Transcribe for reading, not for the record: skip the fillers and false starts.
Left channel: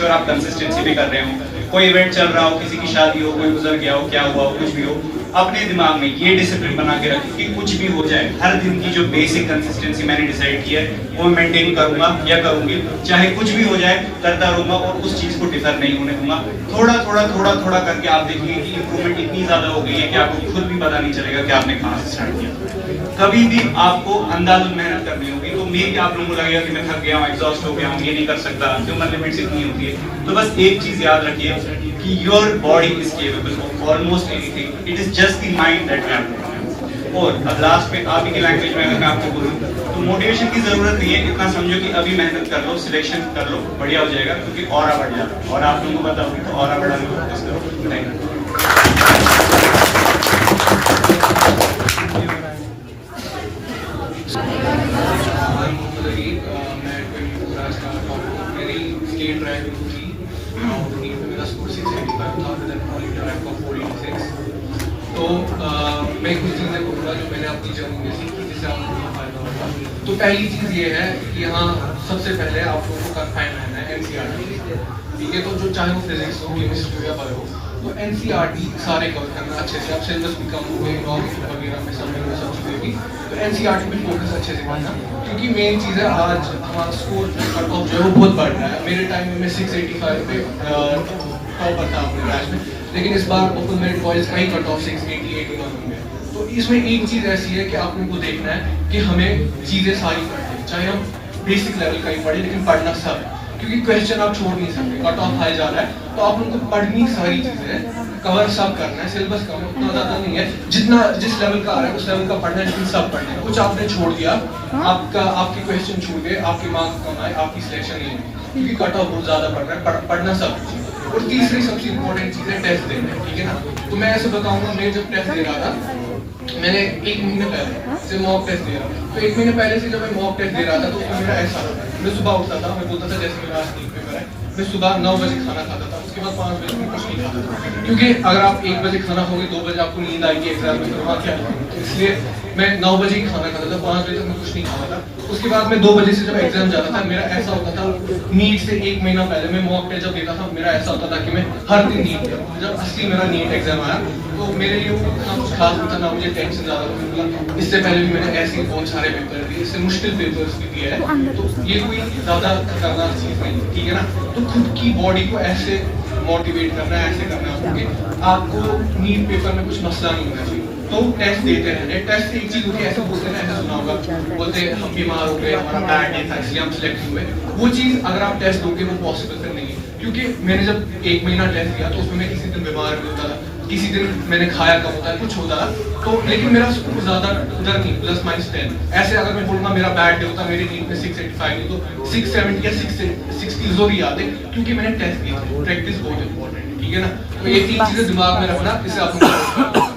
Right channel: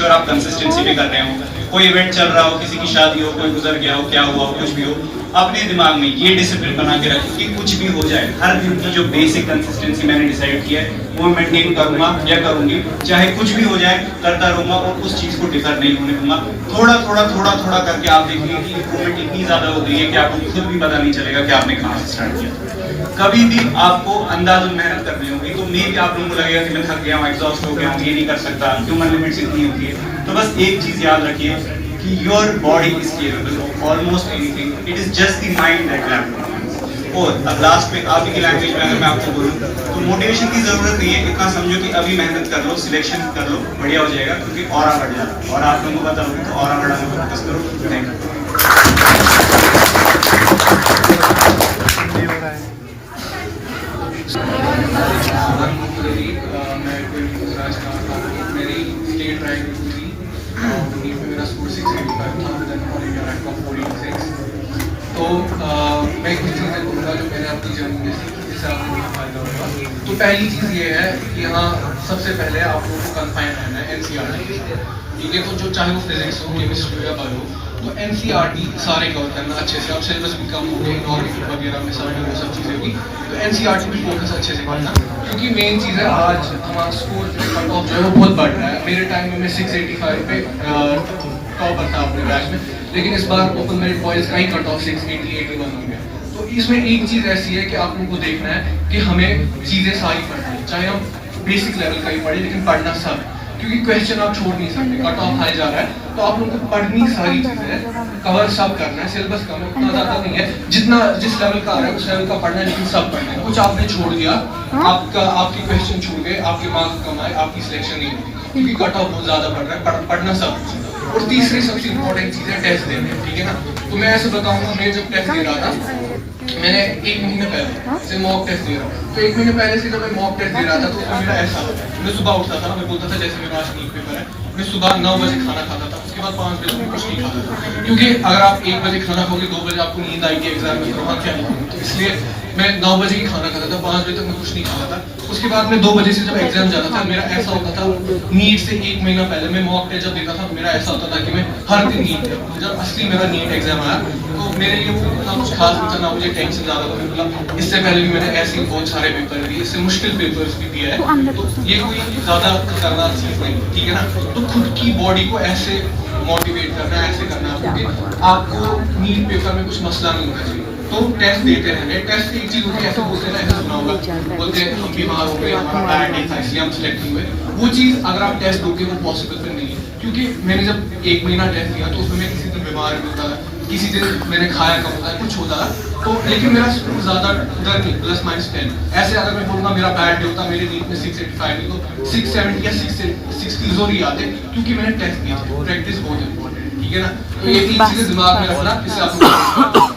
Sure आप consistency पे कर रहे हो। कोई इवेंट चल रहा हो, किसी की शादी हो, कोई गुजर गया हो, क्या हुआ हो, कुछ भी हो, अपने दिमाग में ये डिसिप्लिन बना के रखें कि कुछ भी हो जाए, हर दिन की जो बेसिक कंसिस्टेंसी मैंने डिसाइड की है वो मेंटेन करूंगा या करूंगी, चाहे कुछ भी हो जाए करता रहूंगा और उस चीज को डिफर नहीं होने दूंगा। थोड़ा थोड़ा थोड़ा थोड़ा करके आप देखेंगे कि इंप्रूवमेंट इतनी ज्यादा हो गई है कि आपको खुद भी पता नहीं चलेगा कि आपने कहाँ से स्टार्ट किया। कभी भी आपको अंदाज़ मेहनत करनी होगी, तो मे भी आप लोगों को लगेगा कि मैं थक गया हूँ, एग्जॉस्ट हो गया हूँ, ये नहीं कर सकता, ह्यूमन लिमिट्स इतनी होती है। तो बस एक चीज याद रखिए कि your body is capable of almost anything, it is just the mind that lakhs. और अब लास्ट में आप ही की लैंग्वेज में अगर मैं आपको बोलूँ तो मोटिवेशन की जरूरत नहीं है, इतना समझो कि अभी मेहनत कर लो, सिलेक्शन कर लो, बढ़िया हो जाएगा, क्योंकि ऑरा बढ़ जाता है। और आप लोगों को पता होगा तो ऑरा बढ़ाने को फोकस करो। Thank you. मेरी स्टेट रैंक थी, मेरा स्कोर 685 था, रैंक ऑफ 46। तो मैं कुछ चीज़ें बोलूँगा जो मैंने अपनी जर्नी में सीखी, जिससे आपको फायदा होगा। तो पहली चीज़ ये है कि यहाँ सबसे पहले आप लोगों को कन्फाइन रहना है एनसीईआरटी, ठीक है। तो जो चाहे वो फिजिक्स हो, केमिस्ट्री या बायो, तो एनसीईआरटी सारे कवर करना अच्छे से। अब सिलेबस भी कम हो गए, नॉर्मल वगैरह में सारी वो सब चीज़ें भी, तो एनसीईआरटी भी फोकस अच्छे से करना, क्योंकि मेन चीज़ है आज हमारा स्कोर कट ऑफ जो है वो बहुत बढ़ रहा है। मेरे टाइम में मैं 685 पे टॉपर था अपने बैच में, लेकिन इस बार ओपन मेरिट बॉयज का ही कट ऑफ 680 81 हो गया। तो इसमें एक चीज़ ऐसी है कि आप लोगों को देखना है कि हमें चीज़ें सारी पढ़नी है, चाहे हम बेसिक लेवल का ही पढ़े, लेकिन पढ़ना सब है, क्योंकि क्वेश्चन आप छोड़ नहीं सकते। कट ऑफ हाई जा रहा है तो आप लोगों को पढ़नी सारी चीज़ें, कवर सब करना है। सिलेबस कम है, उतना ज़्यादा नहीं है, जितना जिस लेवल का आ रहा है उस लेवल का पढ़ना है, लेकिन सब पढ़ना है। कुछ आपने छोड़ दिया, आपके क्वेश्चन छूट गए, आपके मार्क्स कम आए, आपकी सिलेक्शन नहीं होगी, क्योंकि कट ऑफ बहुत ज़्यादा पढ़ रहा है, पढ़ना सब। और तीसरी सबसे इंपॉर्टेंट चीज़ है टेस्ट देने, ठीक है ना। तो मैं ऐसे बताऊंगा, मैं जब टेस्ट दे रहा था, मैंने 1 महीने पहले से मॉक टेस्ट दिया, तो 1 महीने पहले से जब मैं मॉक टेस्ट दे रहा था तो उसमें मेरा ऐसा, मैं सुबह उठता था, मैं बोलता था जैसे मेरा आज नीट पेपर है, मैं सुबह 9 बजे खाना खाता था, उसके बाद 5 बजे मैं कुछ नहीं खाता था, क्योंकि अगर आप 1 बजे खाना खाओगे, 2 बजे आपको नींद आएगी एग्जाम में, तो वहाँ क्या है। तो इसलिए मैं 9 बजे ही खाना खाता था, 5 बजे तक मैं कुछ नहीं खाता था। उसके बाद मैं 2 बजे से जब एग्जाम जाता था, मेरा ऐसा होता था, नीट से 1 महीना पहले मैं मॉक टेस्ट जब देता था, मेरा ऐसा होता था कि मैं हर दिन नीट देता। जब असली मेरा नीट एग्जाम आया तो मेरे लिए वो इतना कुछ खास नहीं था, ना मुझे टेंशन ज़्यादा होने लगा। इससे पहले भी मैंने ऐसे बहुत सारे पेपर दिए, इससे मुश्किल पेपर्स भी दिए हैं, तो ये कोई ज़्यादा खतरनाक चीज़ नहीं, ठीक है ना। तो खुद की बॉडी को ऐसे मोटिवेट करना है, ऐसे करना है कि आपको नीट पेपर में कुछ मसला नहीं होना चाहिए। तो टेस्ट देते रहना है। टेस्ट एक चीज़ होती है, ऐसे बोलते हैं ना, ऐसे सुना होगा, बोलते हैं हम बीमार हो गए, हमारा बैड डे था इसलिए हम सिलेक्ट हुए। वो चीज़ अगर आप टेस्ट दोगे वो पॉसिबल फिर नहीं है, क्योंकि मैंने जब 1 महीना टेस्ट दिया तो उसमें मैं किसी दिन बीमार भी होता था, किसी दिन मैंने खाया कम होता है, कुछ होता था, तो लेकिन मेरा स्कोर ज़्यादा उधर नहीं, +-10। ऐसे अगर मैं बोलूँगा मेरा बैड डे होता, मेरे नीट में 685 नहीं तो 670 या 660 जरूर ही आते, क्योंकि मैंने टेस्ट दी। प्रैक्टिस बहुत इंपॉर्टेंट है, ठीक है ना। तो ये 3 चीज़ें दिमाग में रखना, इससे आप